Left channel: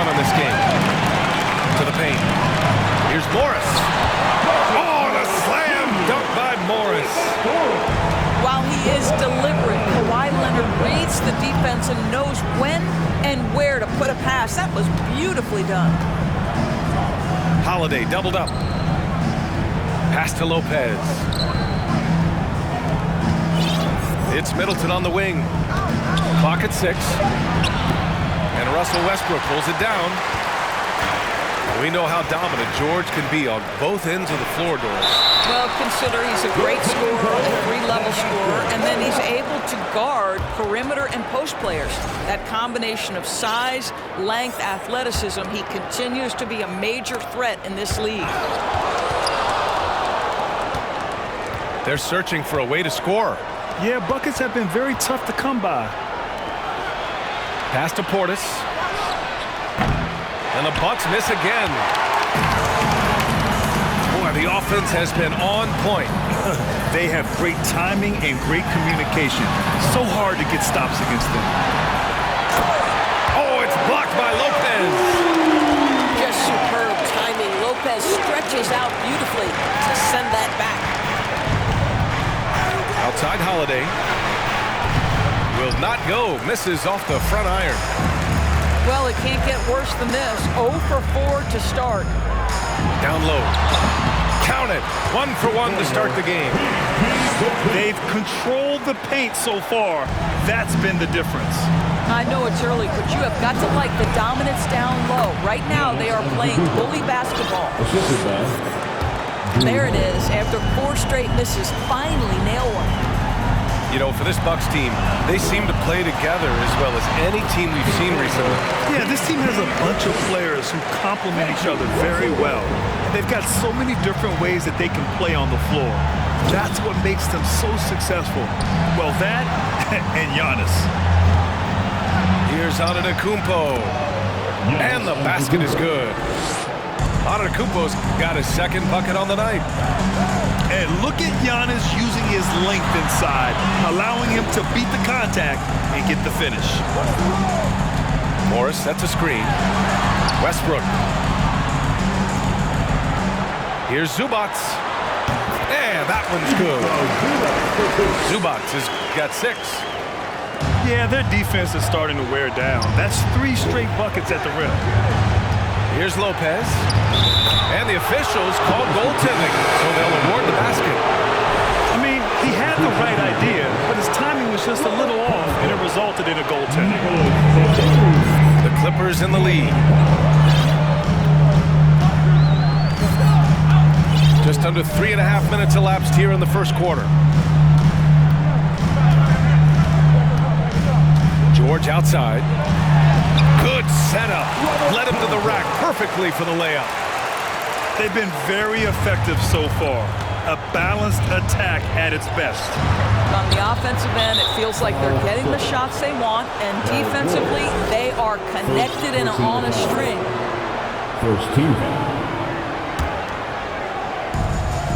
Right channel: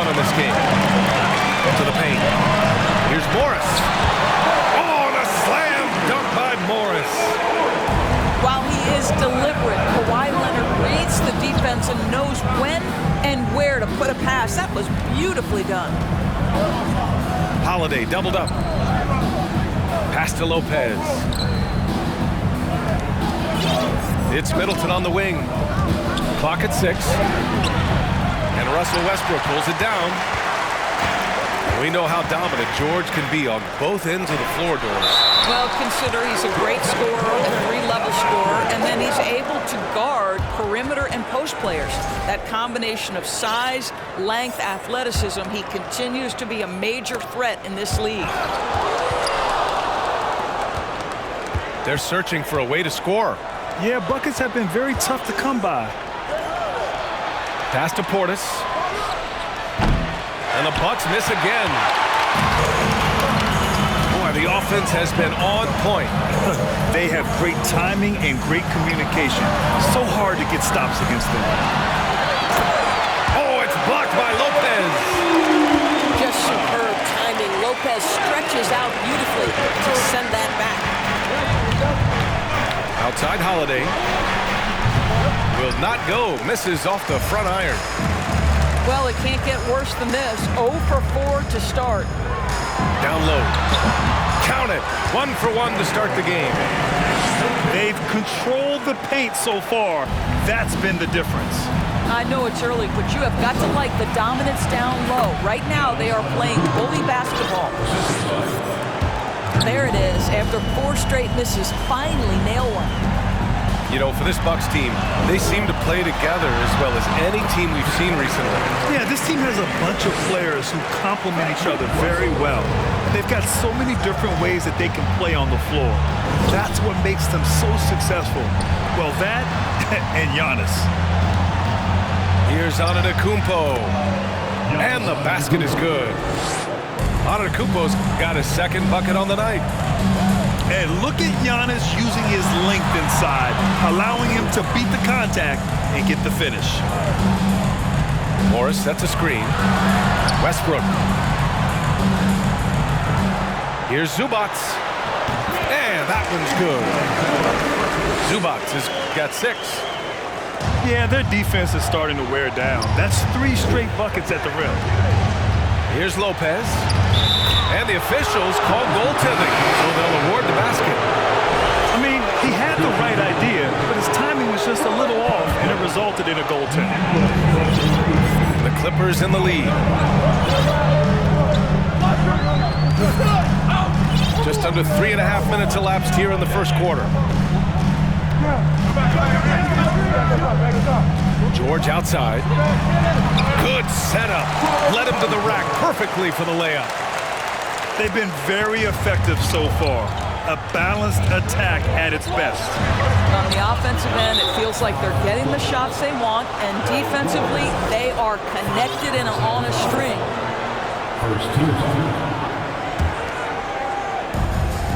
1 on this game. To the paint. Here's Morris. Oh, and a slam dunk by Morris. While he is deliberate, Kawhi Leonard reads the defense and knows when and where to put a pass. That was beautifully done. Holiday doubled up. Pass to Lopez. It's Middleton on the wing. Clock at 6. And Russell Westbrook pulls it down. We know how dominant George can be on both ends of the floor, Doris. Well, consider he's a great scorer, a 3-level scorer, and then he's able to guard perimeter and post players. That combination of size, length, athleticism, he continues to be a major threat in this league. They're searching for a way to score. Yeah, buckets have been very tough to come by. Pass to Portis. And the Bucks miss again. Boy, the offense has been on point. They have great timing and great communication. So hard to get stops against them. Oh, it's blocked by Lopez. Just superb timing. Lopez stretches out beautifully to send that back. Outside Holiday. Will not go. Misses off the front iron. Well, it can't get worse than this. 0 for 4 to start. Down low. Count it. 1 for 1 to start the game. They've controlled the paint so far. That's been the difference. I know it's early, but you have got to like the dominance down low. Right now, they are playing bully basketball. There it is. After 4 straight misses, finally nail one. You know, for this Bucks team, they seem to play together as well as any team we've seen recently. Yeah, this team has a bunch of players who complement each other very well. And they've got so many different ways that they can play on the floor. That's what makes them so successful. Well, that and Giannis. Here's Antetokounmpo. And the basket is good. Antetokounmpo's got his 2nd bucket on the night. And look at Giannis using his length inside, allowing him to beat the contact and get the finish. Morris sets a screen. Westbrook. Here's Zubac. And that one's good. Zubac has got 6. Yeah, their defense is starting to wear down. That's 3 straight buckets at the rim. Here's Lopez. And the officials call goaltending, so they'll award the basket. I mean, he had the right idea, but his timing was just a little off, and it resulted in a goaltending. The Clippers in the lead. Just under 3.5 minutes elapsed here in the first quarter. George outside. Good setup. Led him to the rack perfectly for the layup. They've been very effective so far. A balanced attack at its best. On the offensive end, it feels like they're getting the shots they want, and defensively, they are connected and on a string. First team.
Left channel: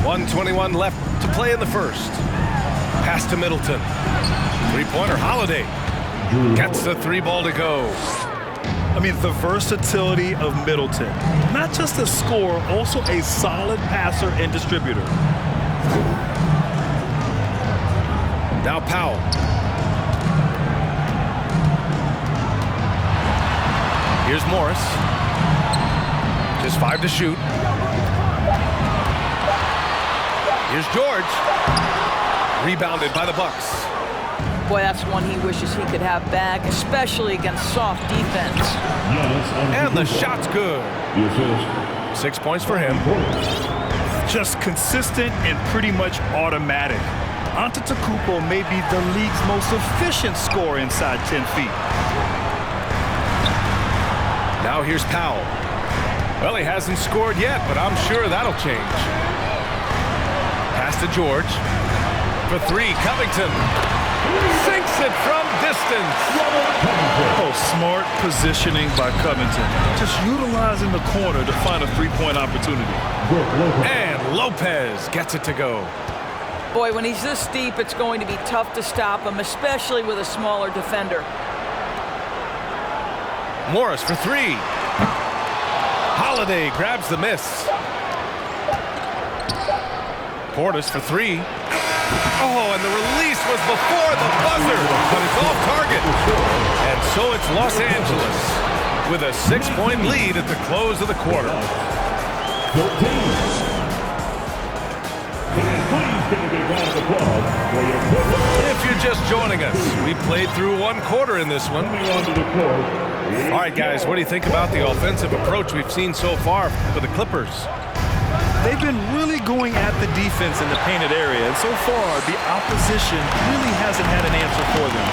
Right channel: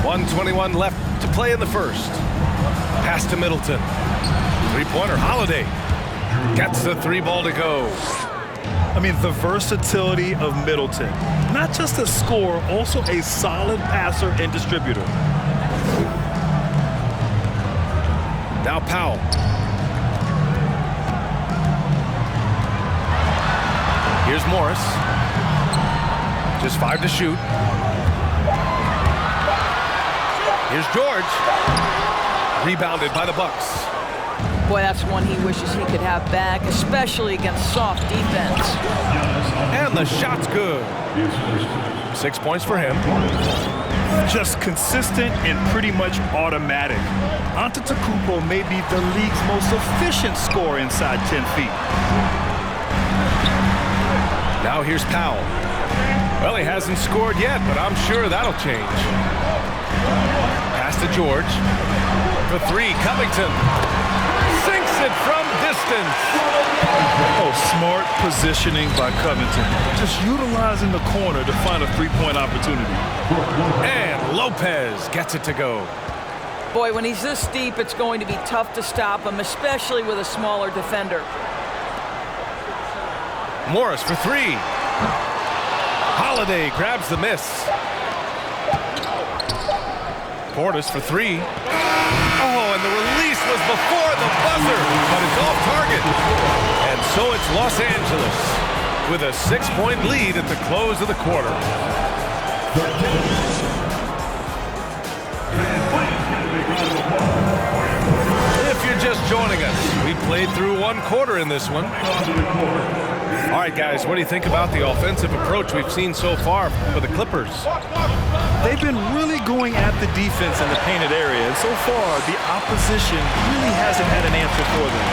1:21 left to play in the first. Pass to Middleton. 3-pointer, Holiday. Gets the 3 ball to go. I mean, the versatility of Middleton. Not just a scorer, also a solid passer and distributor. Now Powell. Here's Morris. Just 5 to shoot. Here's George. Rebounded by the Bucks. Boy, that's one he wishes he could have back, especially against soft defense. And the shot's good. 6 points for him. Just consistent and pretty much automatic. Antetokounmpo may be the league's most efficient scorer inside 10 feet. Now here's Powell. Well, he hasn't scored yet, but I'm sure that'll change. Pass to George. For 3, Covington. Sinks it from distance. Oh, smart positioning by Covington. Just utilizing the corner to find a 3-point opportunity. And Lopez gets it to go. Boy, when he's this deep, it's going to be tough to stop him, especially with a smaller defender. Morris for 3. Holiday grabs the miss. Portis for three. Oh, and the release was before the buzzer, but it's off target. And so it's Los Angeles with a 6-point lead at the close of the quarter. If you're just joining us, we played through one quarter in this one. All right, guys, what do you think about the offensive approach we've seen so far for the Clippers? They've been really going at the defense in the painted area, and so far, the opposition really hasn't had an answer for them.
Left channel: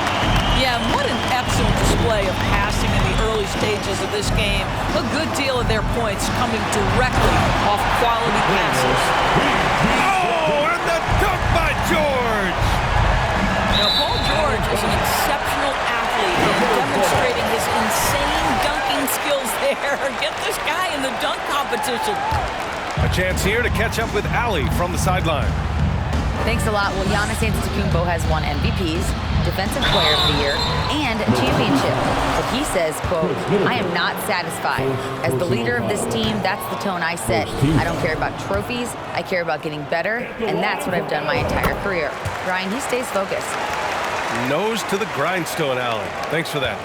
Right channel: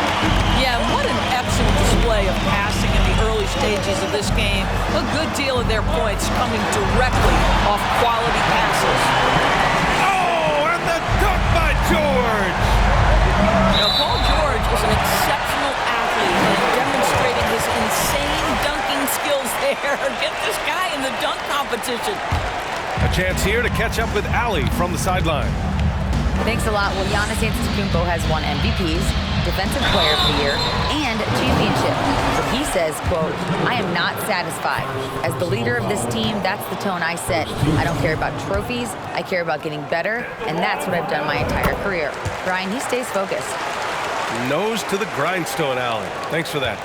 Yeah, and what an excellent display of passing in the early stages of this game. A good deal of their points coming directly off quality passes. Oh, and the dunk by George! Now, Paul George is an exceptional athlete and demonstrating his insane dunking skills there. Get this guy in the dunk competition. A chance here to catch up with Allie from the sideline. Thanks a lot. Well, Giannis Antetokounmpo has won MVPs, Defensive Player of the Year, and a championship. But he says, quote, "I am not satisfied. As the leader of this team, that's the tone I set. I don't care about trophies. I care about getting better, and that's what I've done my entire career." Ryan, he stays focused. Nose to the grindstone, Allie. Thanks for that.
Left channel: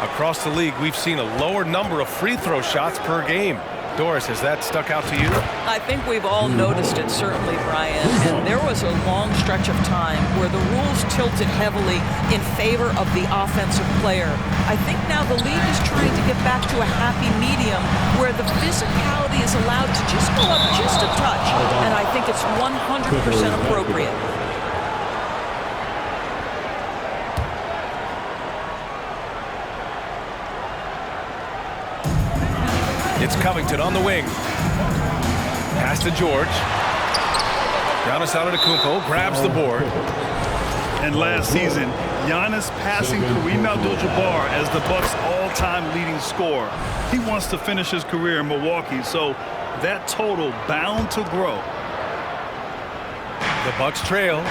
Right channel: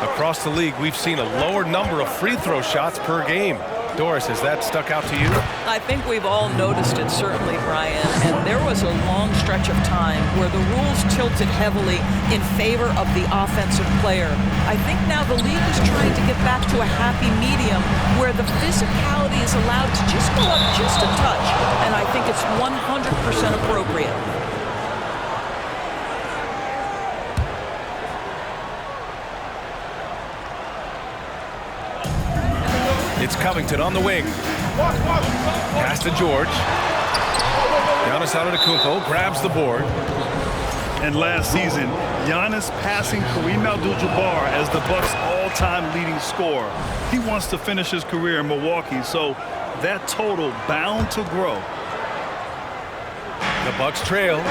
Across the league, we've seen a lower number of free throw shots per game. Doris, has that stuck out to you? I think we've all noticed it, certainly, Brian. And there was a long stretch of time where the rules tilted heavily in favor of the offensive player. I think now the league is trying to get back to a happy medium where the physicality is allowed to just go up just a touch. And I think it's 100% appropriate. It's Covington on the wing. Pass to George. Giannis Antetokounmpo grabs the board. And last season, Giannis passing Kareem Abdul-Jabbar as the Bucks' all-time leading scorer. He wants to finish his career in Milwaukee, so that total bound to grow. The Bucks trail.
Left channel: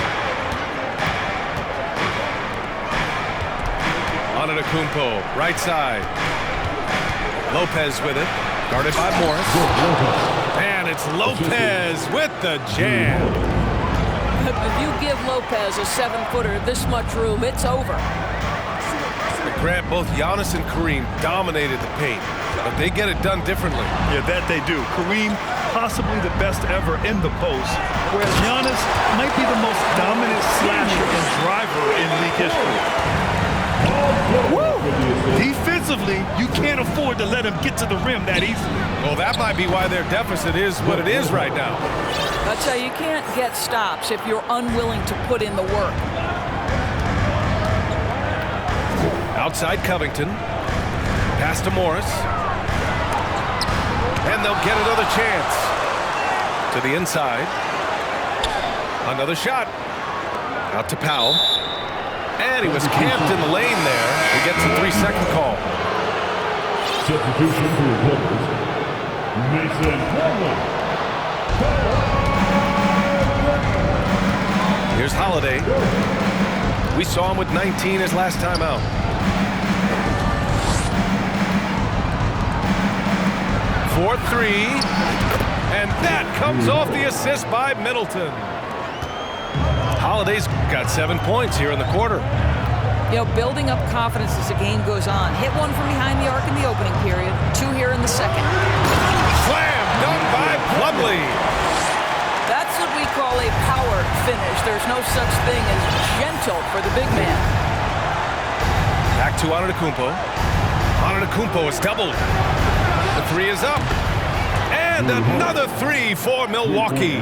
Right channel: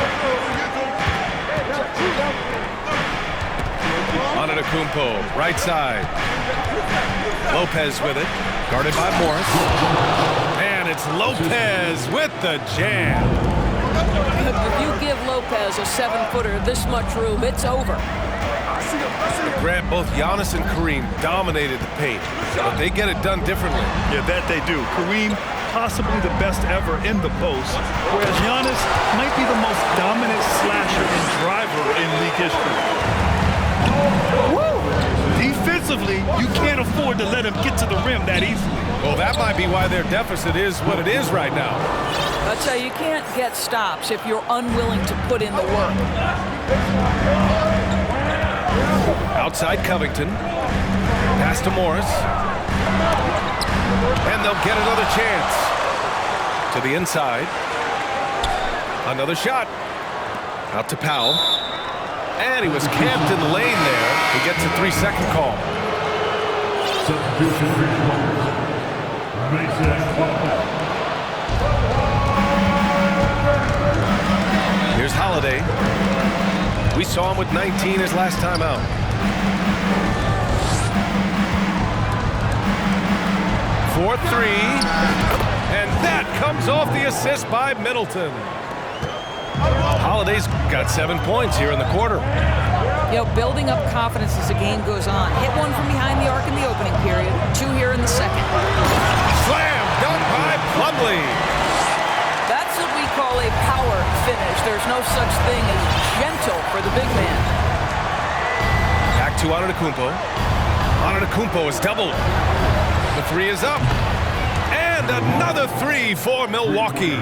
Antetokounmpo, right side. Lopez with it. Guarded by Morris. And it's Lopez with the jam. If you give Lopez a 7-footer this much room, it's over. But Grant, both Giannis and Kareem dominated the paint, but they get it done differently. Yeah, that they do. Kareem, possibly the best ever in the post, whereas Giannis might be the most dominant slasher and driver in league history. Woo! Defensively, you can't afford to let him get to the rim that easily. Well, that might be why their deficit is what it is right now. I tell you, you can't get stops if you're unwilling to put in the work. Outside Covington. Pass to Morris. And they'll get another chance. To the inside. Another shot. Out to Powell. And he was camped in the lane there. He gets a 3-second call. Substitution for your players. Mason Plumlee. Here's Holiday. We saw him with 19 his last time out. For three. And that comes off the assist by Middleton. Holiday's got 7 points here in the quarter. You know, building up confidence as the game goes on. Hit one from behind the arc in the opening period. 2 here in the second. Slam dunk by Plumlee. That's what we call a power finish. There's no such thing as gentle for the big man. Back to Antetokounmpo. Antetokounmpo is doubled. The three is up. And another three for Milwaukee.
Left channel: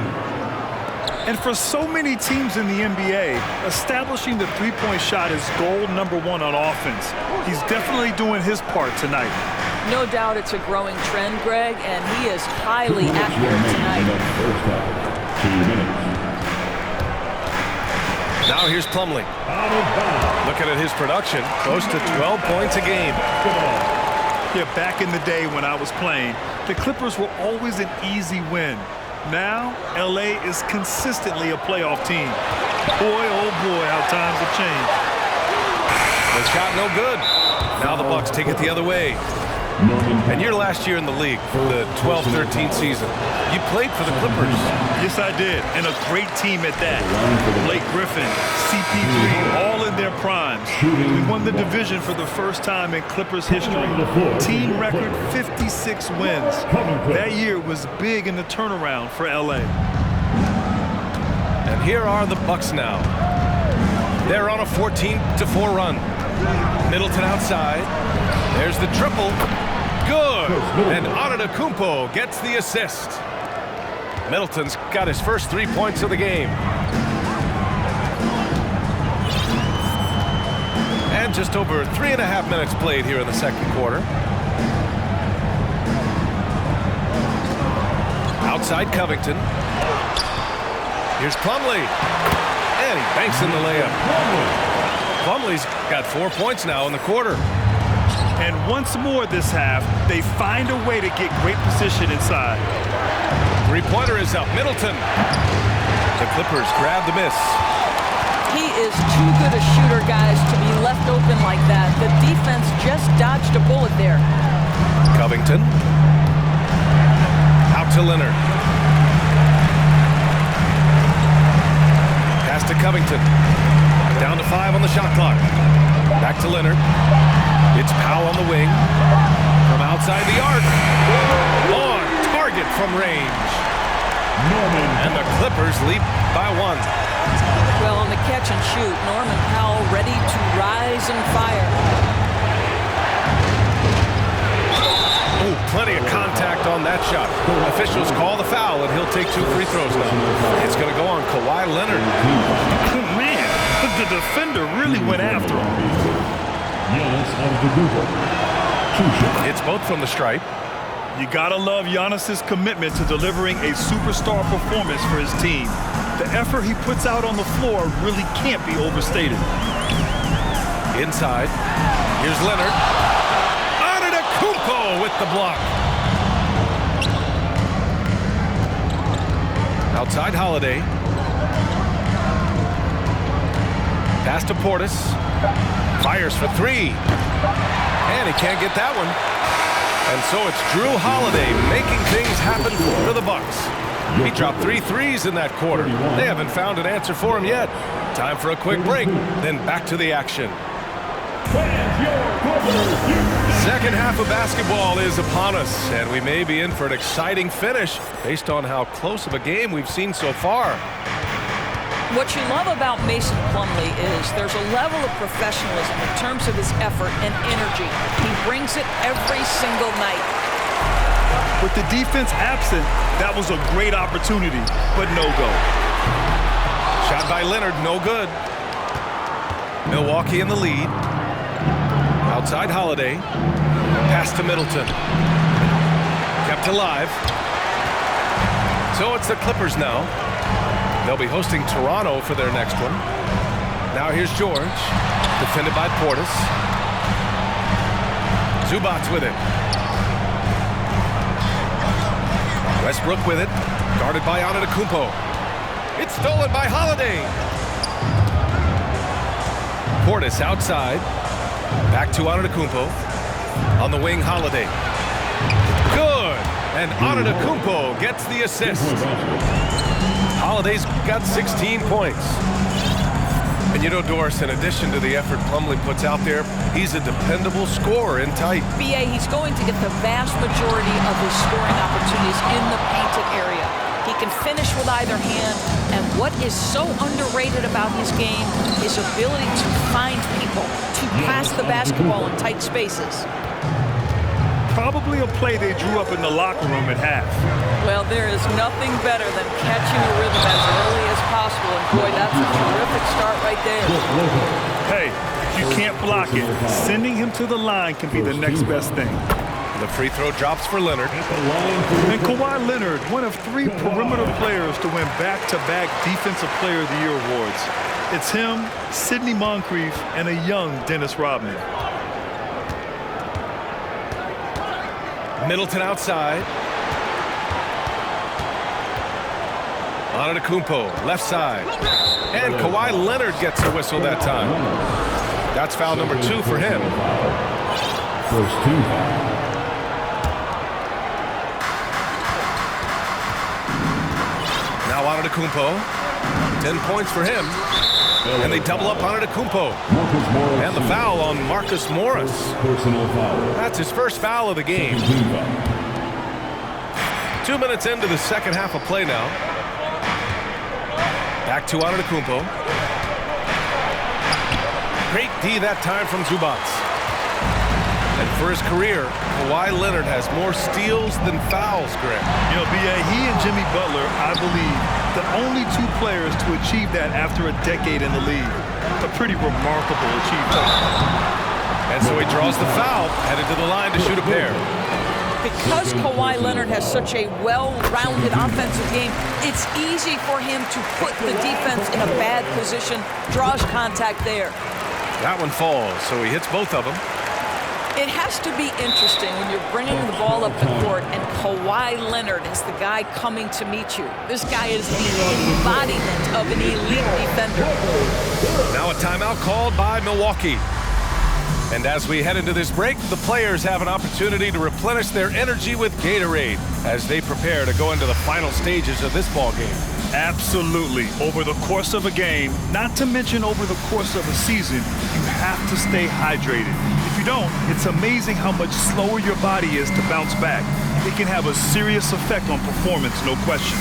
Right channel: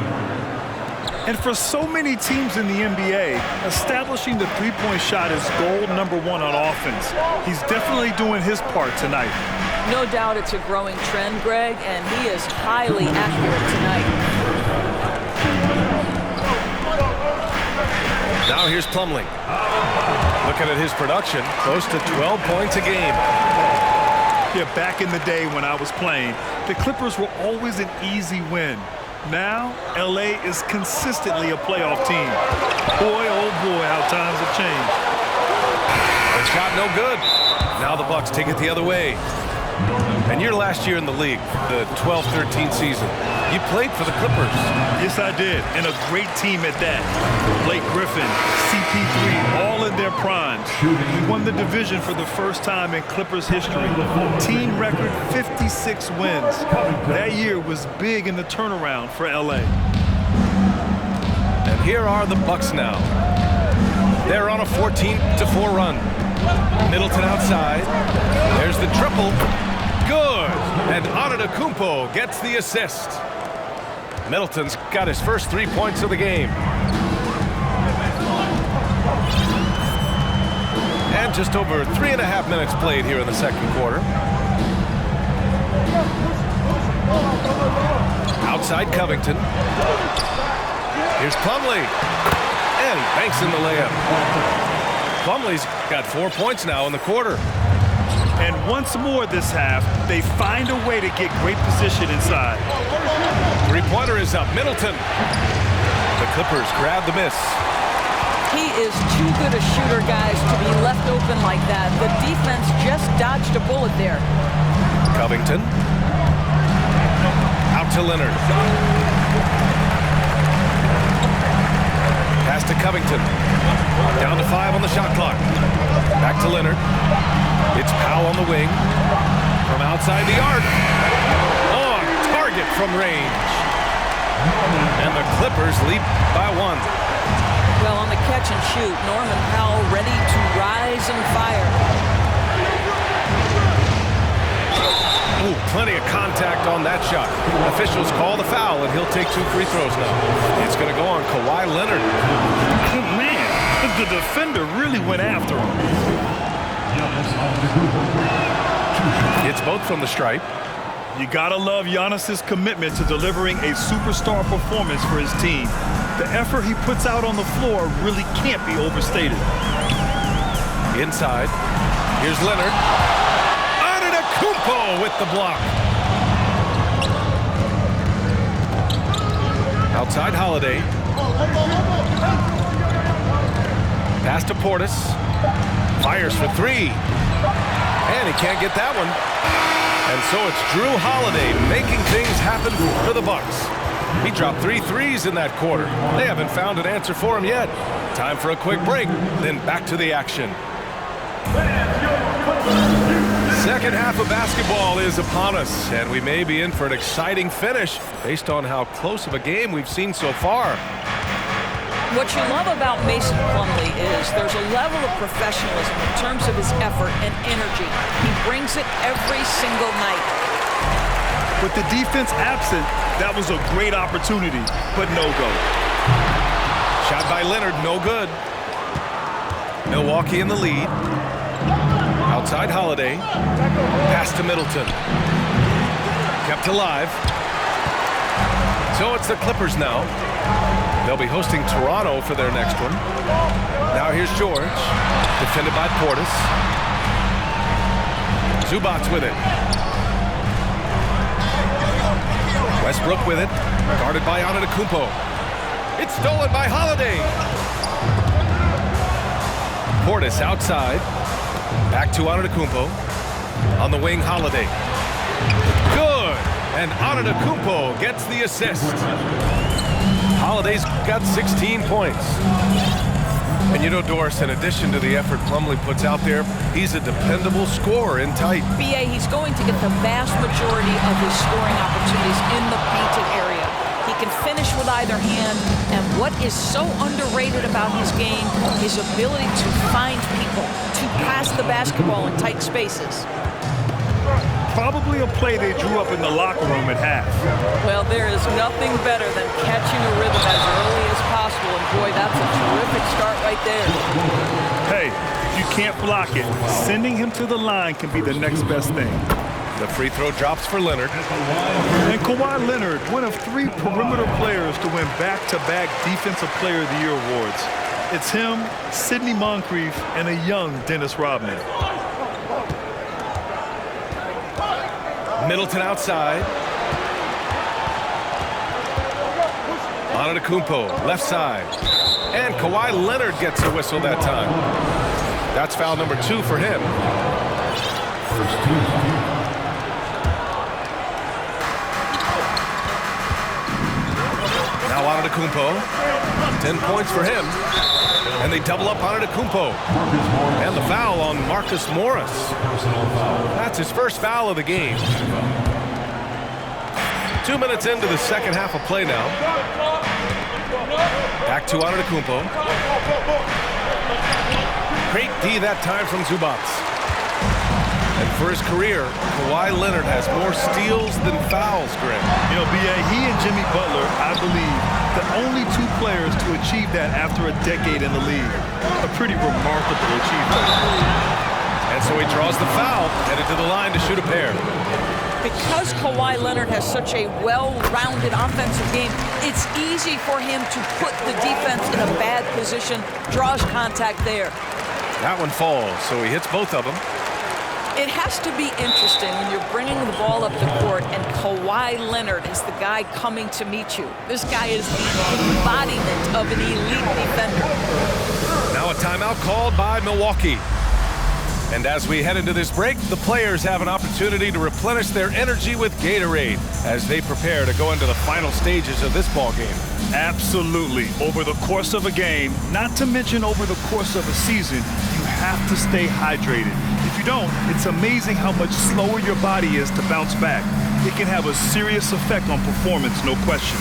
And for so many teams in the NBA, establishing the three-point shot is goal number 1 on offense. He's definitely doing his part tonight. No doubt it's a growing trend, Greg, and he is highly accurate tonight. Now here's Plumlee. Looking at his production, close to 12 points a game. Yeah, back in the day when I was playing, the Clippers were always an easy win. Now, LA is consistently a playoff team. Boy, oh boy, how times have changed. The shot no good. Now the Bucks take it the other way. And your last year in the league, the 12-13 season, you played for the Clippers. Yes, I did, and a great team at that. Blake Griffin, CP3, all in their primes. We won the division for the first time in Clippers history. Team record 56 wins. That year was big in the turnaround for LA. And here are the Bucks now. They're on a 14-4 run. Middleton outside. There's the triple. Good. And Antetokounmpo gets the assist. Middleton's got his first 3 points of the game. And just over 3.5 minutes played here in the second quarter. Outside Covington. Here's Plumlee. And he banks in the layup. Plumlee's got 4 points now in the quarter. And once more this half, they find a way to get great position inside. Three-pointer is up. Middleton. The Clippers grab the miss. He is too good a shooter, guys, to be left open like that. The defense just dodged a bullet there. Covington. Out to Leonard. Pass to Covington. Down to 5 on the shot clock. Back to Leonard. It's Powell on the wing. From outside the arc. On target from range. And the Clippers lead by 1. Well, on the catch and shoot, Norman Powell ready to rise and fire. Ooh, plenty of contact on that shot. Officials call the foul, and he'll take 2 free throws now. It's going to go on Kawhi Leonard. Man, the defender really went after him. It's both from the stripe. You gotta love Giannis's commitment to delivering a superstar performance for his team. The effort he puts out on the floor really can't be overstated. Inside. Here's Leonard. Antetokounmpo with the block. Outside Holiday. Pass to Portis. Fires for 3. And he can't get that one. And so it's Drew Holiday making things happen for the Bucks. He dropped 3 threes in that quarter. They haven't found an answer for him yet. Time for a quick break, then back to the action. Second half of basketball is upon us, and we may be in for an exciting finish based on how close of a game we've seen so far. What you love about Mason Plumlee is there's a level of professionalism in terms of his effort and energy. He brings it every single night. With the defense absent, that was a great opportunity, but no go. Shot by Leonard, no good. Milwaukee in the lead. Outside Holiday. Pass to Middleton. Kept alive. So it's the Clippers now. They'll be hosting Toronto for their next one. Now here's George. Defended by Portis. Zubac's with it. Westbrook with it. Guarded by Antetokounmpo. It's stolen by Holiday. Portis outside. Back to Antetokounmpo. On the wing, Holiday. Good. And Antetokounmpo gets the assist. Holiday's got 16 points. And you know, Doris, in addition to the effort Plumlee puts out there, he's a dependable scorer in tight. B.A., he's going to get the vast majority of his scoring opportunities in the painted area. He can finish with either hand, and what is so underrated about his game, his ability to find people, to pass the basketball in tight spaces. Probably a play they drew up in the locker room at half. Well, there is nothing better than catching a rhythm as early as possible, and boy, that's a terrific start right there. Hey, if you can't block it, sending him to the line can be the next best thing. The free throw drops for Leonard. And Kawhi Leonard, one of 3 perimeter players to win back-to-back Defensive Player of the Year awards. It's him, Sidney Moncrief, and a young Dennis Rodman. Middleton outside. Antetokounmpo, left side. And Kawhi Leonard gets a whistle that time. That's foul number 2 for him. First team. Antetokounmpo. 10 points for him. And they double up on Antetokounmpo. And the foul on Marcus Morris. Personal foul. That's his first foul of the game. 2 minutes into the second half of play now. Back to Antetokounmpo. Great D that time from Zubac. And for his career, Kawhi Leonard has more steals than fouls, Greg. You know, B.A., he and Jimmy Butler, I believe, the only two players to achieve that after a decade in the league. A pretty remarkable achievement. And so he draws the foul, headed to the line to shoot a pair. Because Kawhi Leonard has such a well-rounded offensive game, it's easy for him to put the defense in a bad position, draws contact there. That one falls, so he hits both of them. It has to be interesting when you're bringing the ball up the court and Kawhi Leonard is the guy coming to meet you. This guy is the embodiment of an elite defender. Now a timeout called by Milwaukee. And as we head into this break, the players have an opportunity to replenish their energy with Gatorade as they prepare to go into the final stages of this ball game. Absolutely. Over the course of a game, not to mention over the course of a season, you have to stay hydrated. If you don't, it's amazing how much slower your body is to bounce back. It can have a serious effect on performance, no question.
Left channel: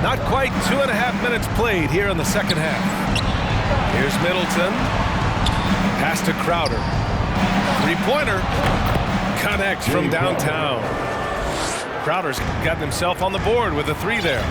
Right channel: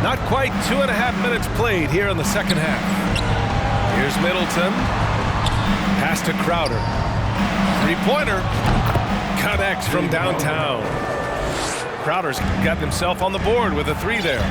Not quite 2.5 minutes played here in the second half. Here's Middleton. Pass to Crowder. Three-pointer. Connects from downtown. Crowder's gotten himself on the board with a three there.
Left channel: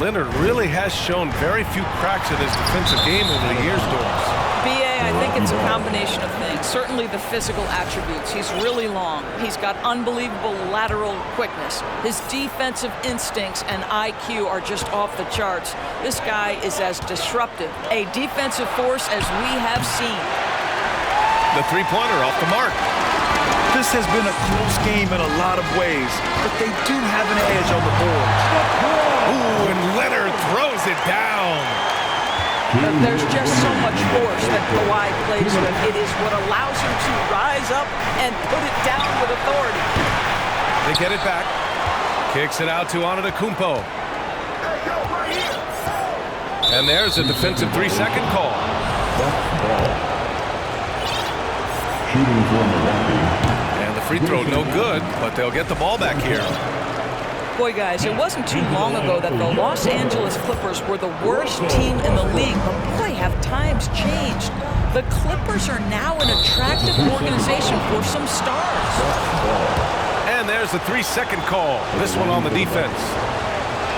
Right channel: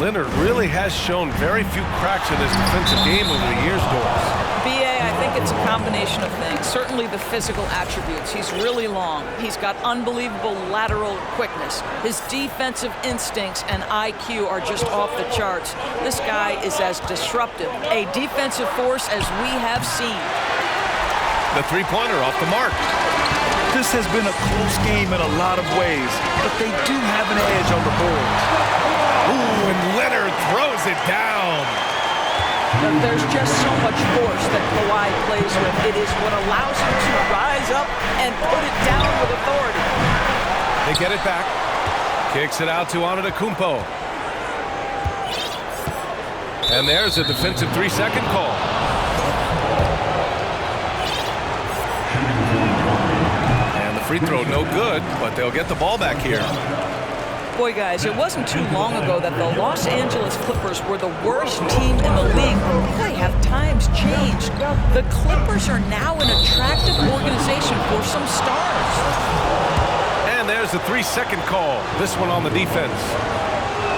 Leonard really has shown very few cracks in his defensive game over the years, Doris. B.A., I think it's a combination of things. Certainly the physical attributes. He's really long. He's got unbelievable lateral quickness. His defensive instincts and IQ are just off the charts. This guy is as disruptive a defensive force as we have seen. The three-pointer off the mark. This has been a close game in a lot of ways, but they do have an edge on the boards. Ooh, and Leonard throws it down. There's just so much force that Kawhi plays with. It is what allows him to rise up and put it down with authority. They get it back. Kicks it out to Antetokounmpo. And there's a defensive 3-second call. And the free throw no good, but they'll get the ball back here. Boy, guys, it wasn't too long ago that the Los Angeles Clippers were the worst team in the league, but boy, have times changed. The Clippers are now an attractive organization for some stars. And there's the 3-second call. This one on the defense.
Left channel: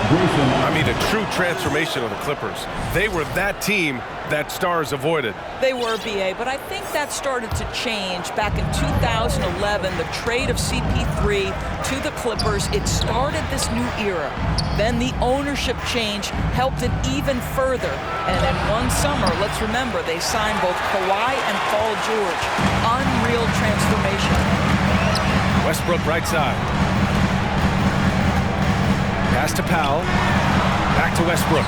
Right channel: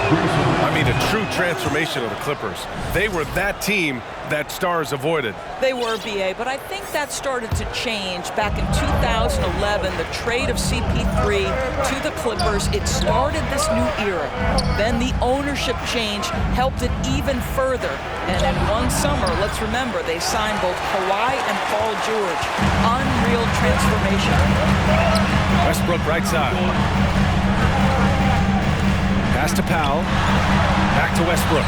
I mean, a true transformation of the Clippers. They were that team that stars avoided. They were, B.A., but I think that started to change back in 2011, the trade of CP3 to the Clippers. It started this new era. Then the ownership change helped it even further. And in one summer, let's remember, they signed both Kawhi and Paul George. Unreal transformation. Westbrook right side. Pass to Powell. Back to Westbrook.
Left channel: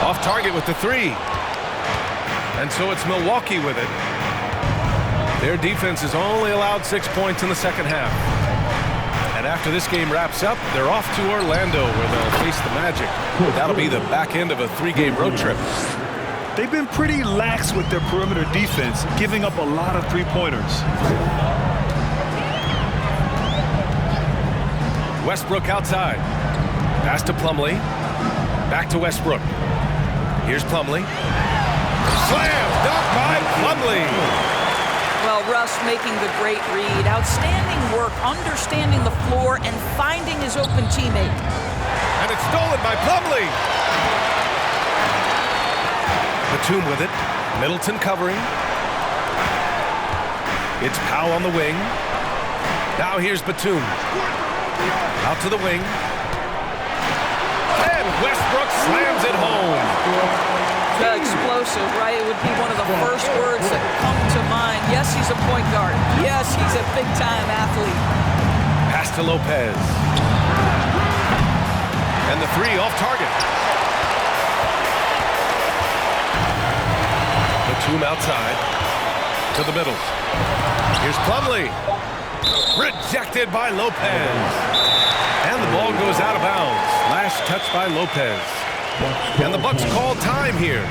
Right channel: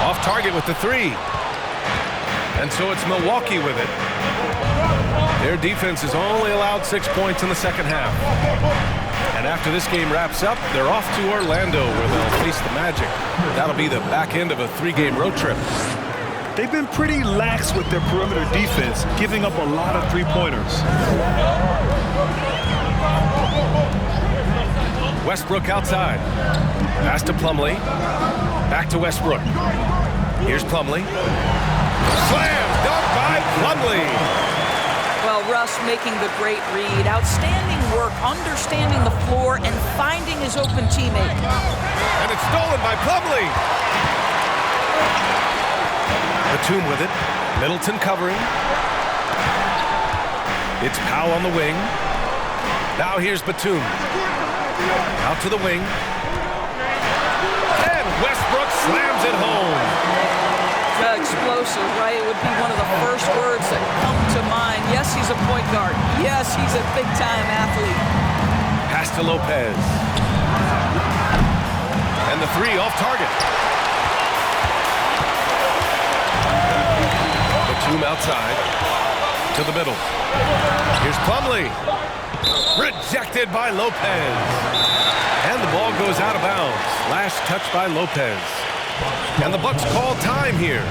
Off target with the three. And so it's Milwaukee with it. Their defense has only allowed 6 points in the second half. And after this game wraps up, they're off to Orlando where they'll face the Magic. That'll be the back end of a 3-game road trip. They've been pretty lax with their perimeter defense, giving up a lot of three-pointers. Westbrook outside. Pass to Plumlee. Back to Westbrook. Here's Plumlee. Slam dunk by Plumlee. Well, Russ making the great read. Outstanding work, understanding the floor and finding his open teammate. And it's stolen by Plumlee. Batum with it. Middleton covering. It's Powell on the wing. Now here's Batum. Out to the wing. And Westbrook slams it home. Explosive, right? It would be one of the first words that come to mind. Yes, he's a point guard. Yes, he's a big-time athlete. Pass to Lopez. And the three off target. Batum outside to the middle. Here's Plumlee. Rejected by Lopez. And the ball goes out of bounds. Last touch by Lopez. And the Bucks call time here.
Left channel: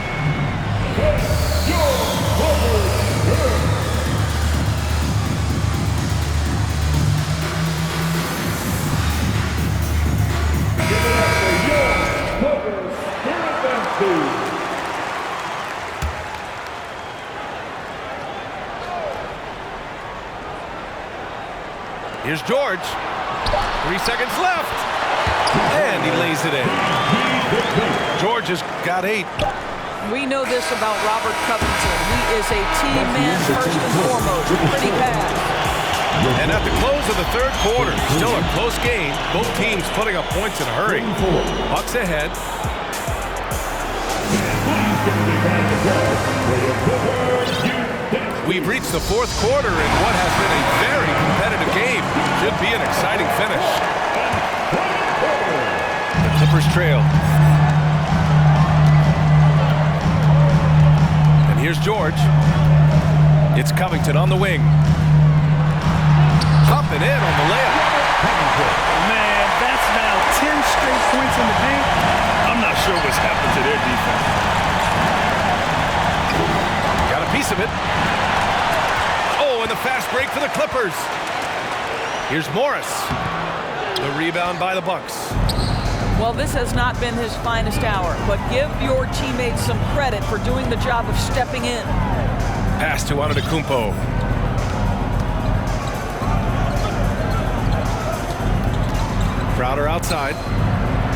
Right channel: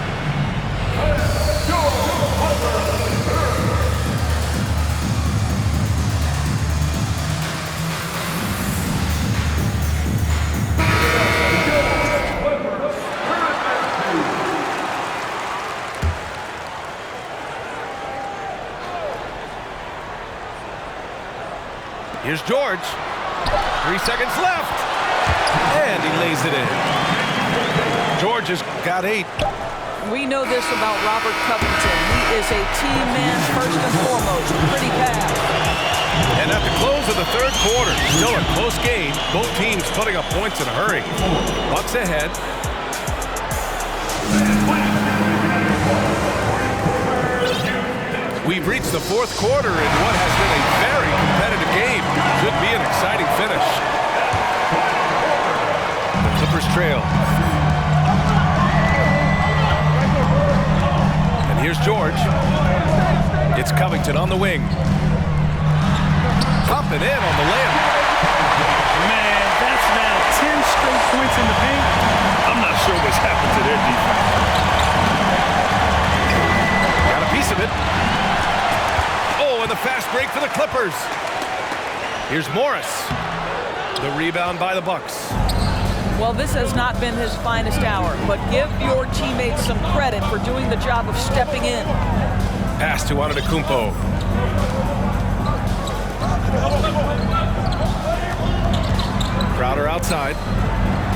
Here's George. 3 seconds left. And he lays it in. George has got 8. We know this about Robert Covington. He is a team man first and foremost. Pretty pass. And at the close of the third quarter, still a close game. Both teams putting up points in a hurry. Bucks ahead. We've reached the fourth quarter in what has been a very competitive game. Should be an exciting finish. The Clippers trail. And here's George. It's Covington on the wing. Popping in on the layup. Man, that's now 10 straight points in the paint. I'm not sure what's happened to their defense. Got a piece of it. Oh, and the fast break for the Clippers. Here's Morris. The rebound by the Bucks. Well, this has not been his finest hour, but give your teammates some credit for doing the job of stepping in. Pass to Antetokounmpo. Crowder outside.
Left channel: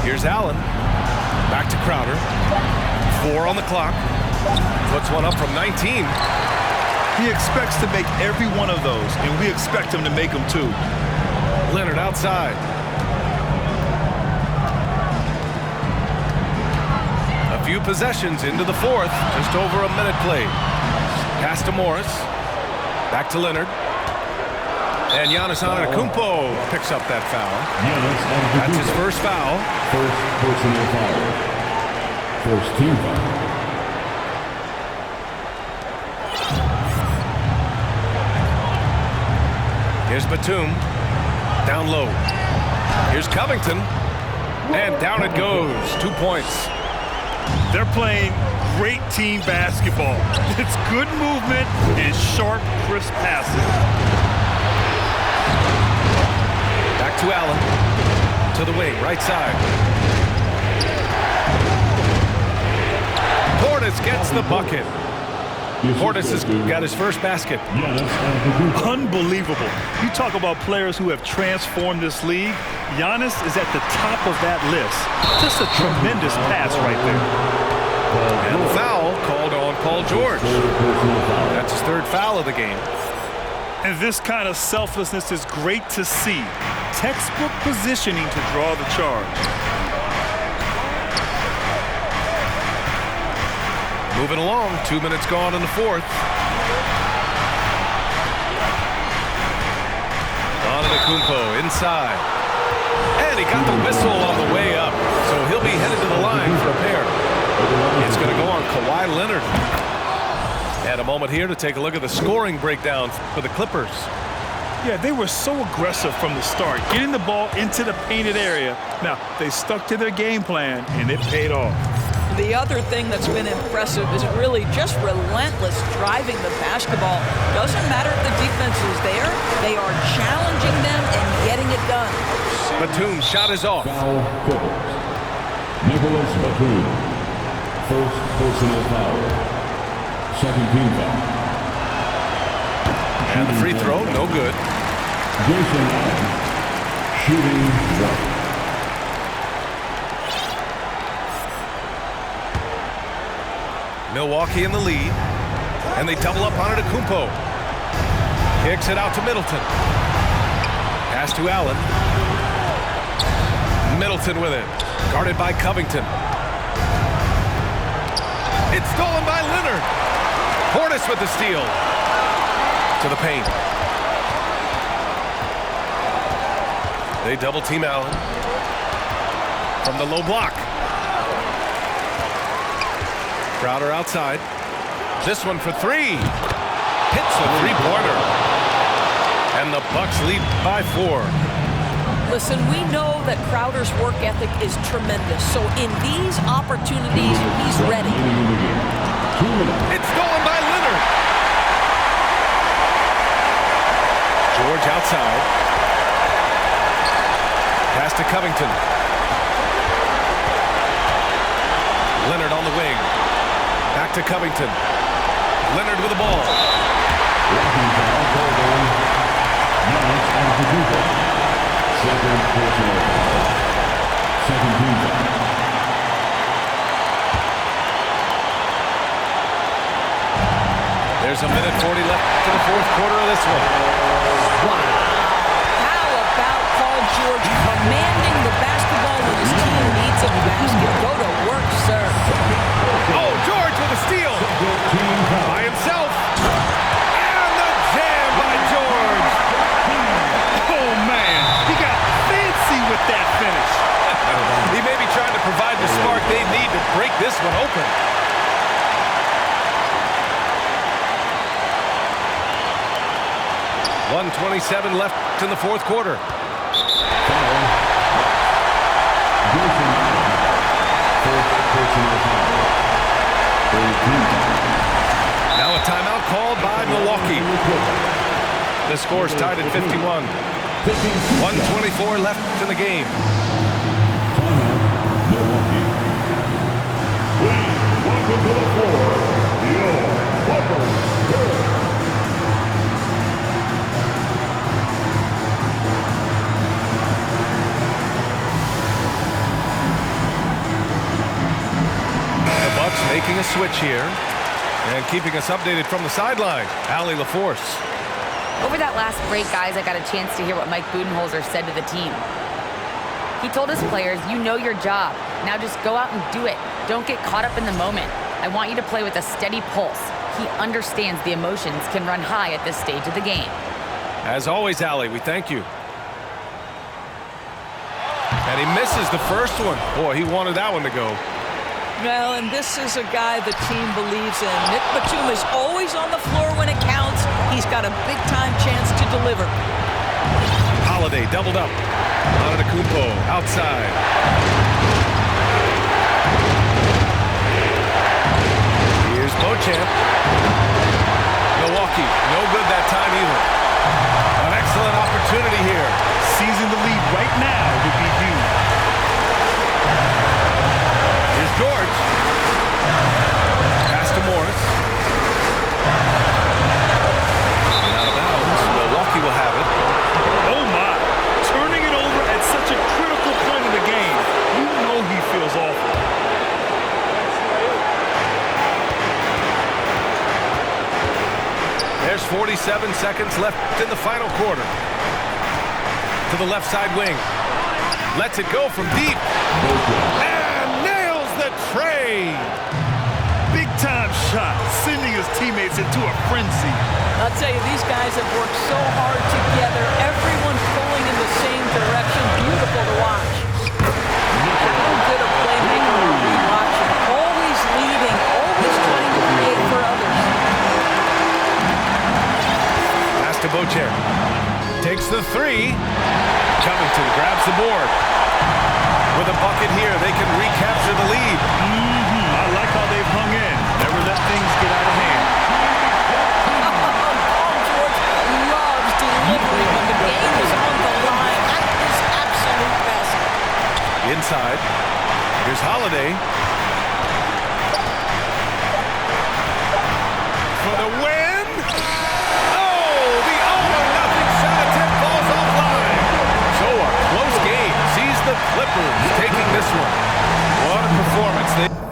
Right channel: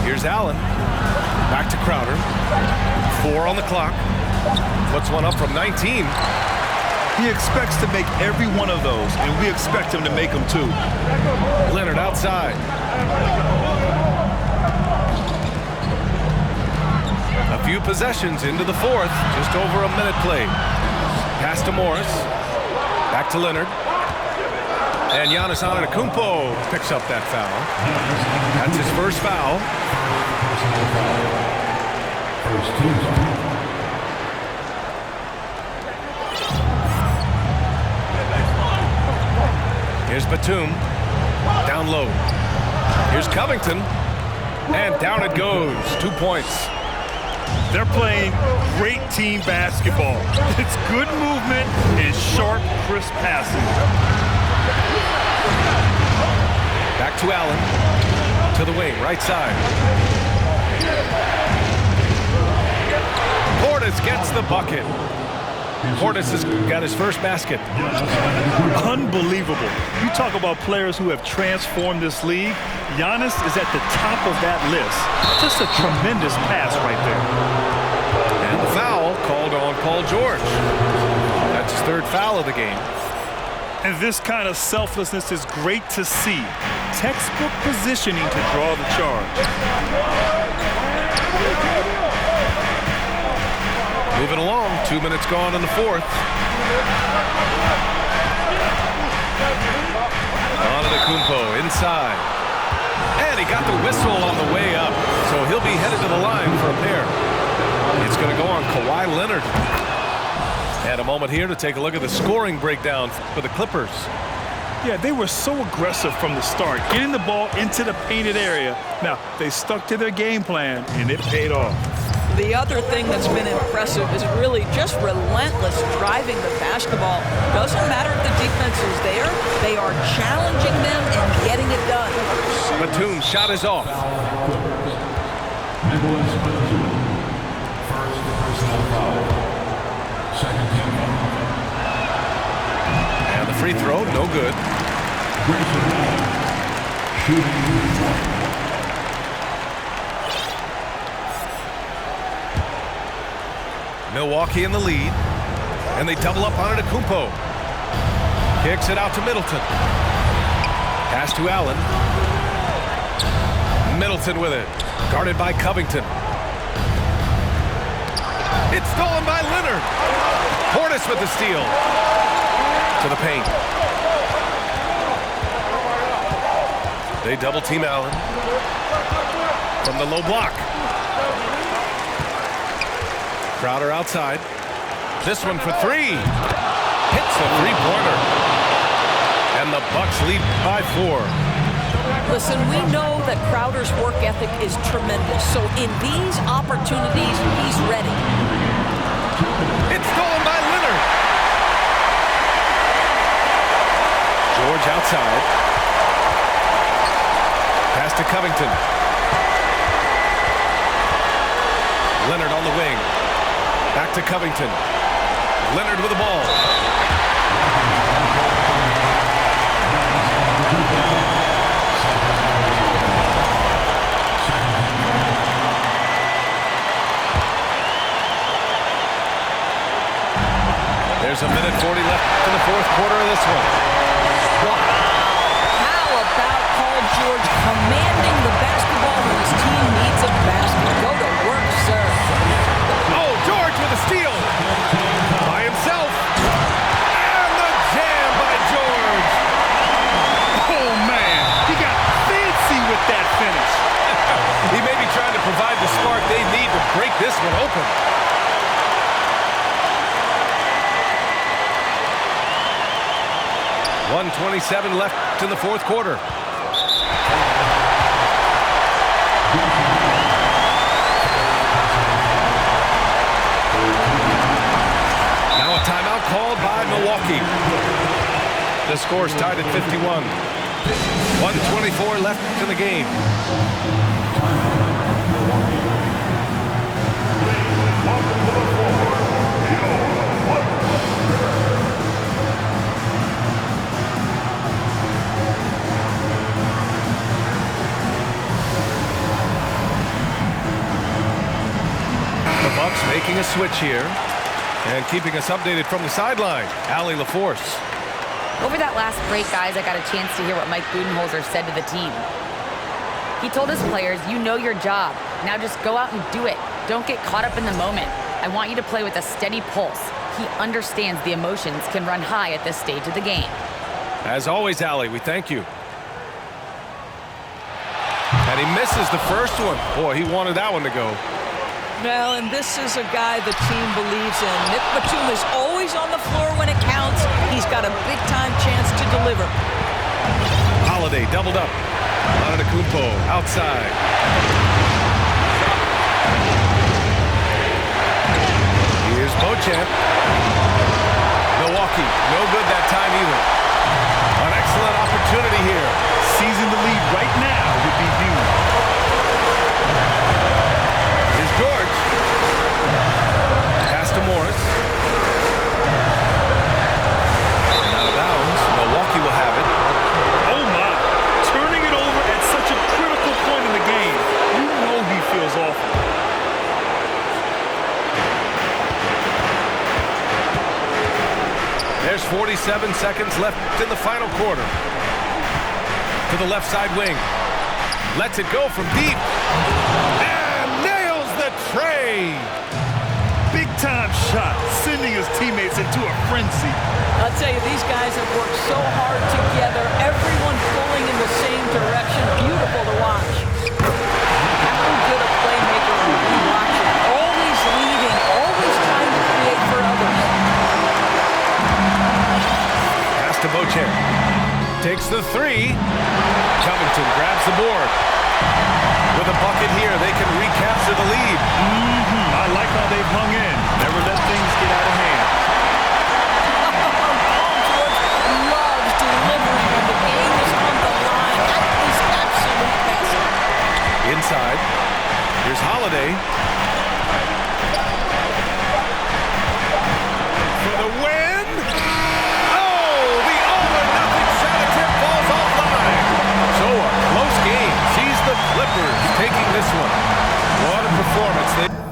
Here's Allen. Back to Crowder. 4 on the clock. Puts one up from 19. He expects to make every one of those, and we expect him to make them too. Leonard outside. A few possessions into the fourth. Just over a minute played. Pass to Morris. Back to Leonard. And Giannis Antetokounmpo picks up that foul. That's his first foul. First personal foul. First team foul. Here's Batum. Down low. Here's Covington. And down it goes. 2 points. They're playing great team basketball. It's good movement and sharp, crisp passing. Back to Allen. To the wing, right side. Portis gets the bucket. Portis has got his first basket. Unbelievable. You talk about players who have transformed this league. Giannis is at the top of that list. Just a tremendous pass right there. And the foul called on Paul George. That's his third foul of the game. And this kind of selflessness is great to see. Textbook positioning to draw the charge. Moving along, 2 minutes gone in the fourth. Antetokounmpo inside. And he got the whistle on the way up. So he'll be headed to the line for a pair. It's going to go on Kawhi Leonard. And a moment here to take a look at the scoring breakdown for the Clippers. Yeah, they were so aggressive from the start, getting the ball into the painted area. Now, they stuck to their game plan, and it paid off. The other thing that's been impressive is really just relentless driving the basketball. Doesn't matter if the defense is there. They are challenging them and getting it done. Batum's shot is off. Foul Clippers. Nicholas Batum. First personal foul. Second team foul. And the free throw, no good. Grayson Allen. Shooting 1. Milwaukee in the lead, and they double up on Antetokounmpo. Kicks it out to Middleton. Pass to Allen. Middleton with it, guarded by Covington. It's stolen by Leonard. Portis with the steal. To the paint. They double team Allen from the low block. Crowder outside. This one for three. Hits a three-pointer. And the Bucks lead by 4. Listen, we know that Crowder's work ethic is tremendous. So in these opportunities, he's ready. It's stolen by Leonard. George outside. Pass to Covington. Leonard on the wing. Back to Covington. Leonard with the ball. There's a minute 40 left to the fourth quarter of this one. Wow. How about Paul George commanding the basketball when his team needs a basket? Go to work, sir. Oh, George with a steal. By himself. And the jam by George. Oh, man. He got fancy with that finish. He may be trying to provide the spark they need to break this one open. .127 left in the fourth quarter. Now a timeout called by Milwaukee. The score's tied at 51. 1:24 left in the game. Welcome to the floor, your Clippers. The Bucks making a switch here and keeping us updated from the sideline. Allie LaForce. Over that last break, guys, I got a chance to hear what Mike Budenholzer said to the team. He told his players, you know your job. Now just go out and do it. Don't get caught up in the moment. I want you to play with a steady pulse. He understands the emotions can run high at this stage of the game. As always, Allie, we thank you. And he misses the first one. Boy, he wanted that one to go. Well, and this is a guy the team believes in. Nick Batum is always on the floor when it counts. He's got a big-time chance to deliver. Holiday doubled up. Antetokounmpo outside. Here's Beauchamp. Milwaukee, no good that time either. An excellent opportunity here. Seizing the lead right now would be huge. Here's George. Pass to Morris. And out of bounds. Milwaukee will have it. Oh, my. Turning it over at such a critical point in the game. You know he feels awful. There's 47 seconds left in the final quarter. To the left side wing. Lets it go from deep. And nails the tray. Big-time shot, sending his teammates into a frenzy. I'll tell you, these guys have worked so hard together. Everyone pulling in the same direction. Beautiful to watch. How good a playmaker are we watching? Always leading, always trying to create for others. Pass to Beauchamp. Takes the three. Covington grabs the board. With a bucket here, they can recapture the lead. I like how they've hung in. Never let things get out of hand. Paul George loves delivering when the game is on the line at his absolute best. Inside. Here's Holiday. For the win. Oh, the all-or-nothing shot attempt falls offline. So a close game sees the Clippers taking this one. What a performance.